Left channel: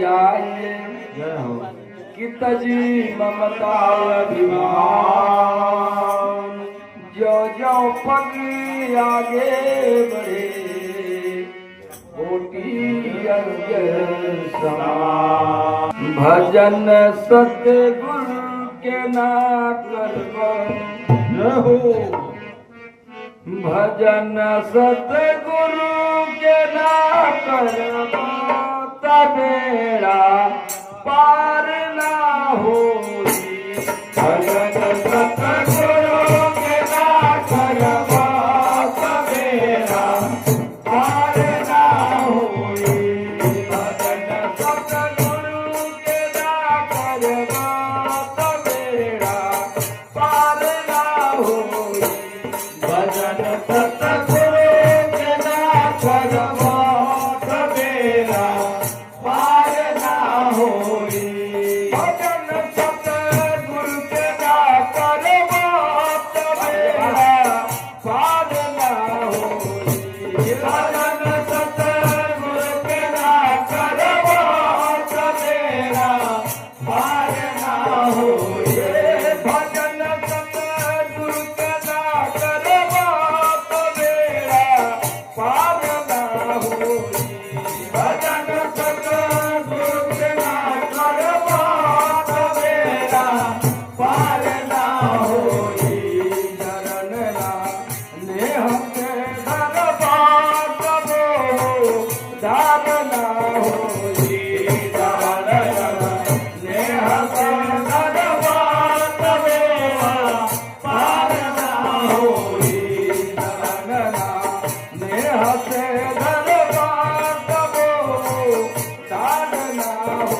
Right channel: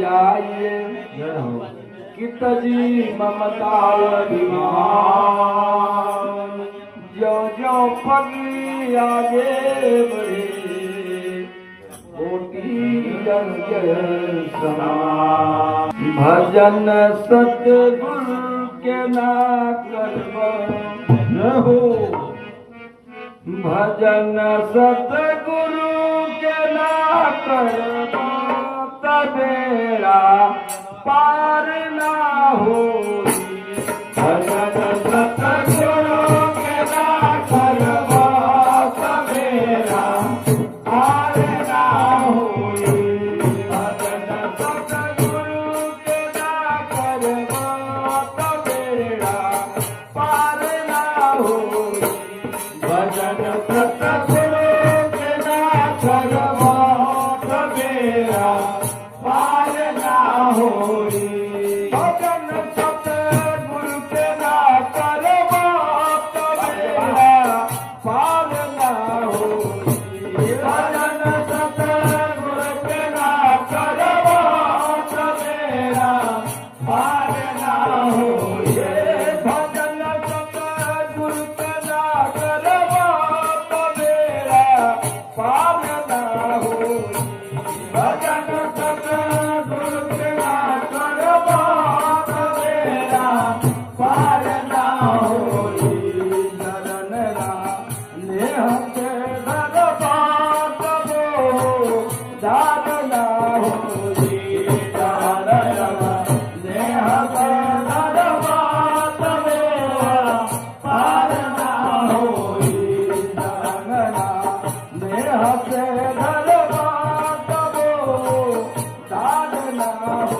जाए कि तजी ममता अभिमान जो जो पगी आगे बढ़े कोटि अंग समान भजन सतगुरु के ना करबो भजन सतगुरु के ना करबो तबेड़ा पार ना होई भजन सतगुरु के ना करबो तबेड़ा पार ना होई भजन सतगुरु के ना करबो तबेड़ा पार ना होई भजन सतगुरु के ना करबो तबेड़ा पार ना होई भजन सतगुरु के ना करबो तबेड़ा पार ना होई भजन सतगुरु के ना करबो तबेड़ा पार ना होई भजन सतगुरु के ना करबो तबेड़ा पार ना होई भजन सतगुरु के ना करबो तबेड़ा पार ना होई चरण नेह के धरबो तबो दान ना होई चरण नेह के धरबो तबेड़ा पार ना होई चरण नेह के धरबो तबो दान ना होई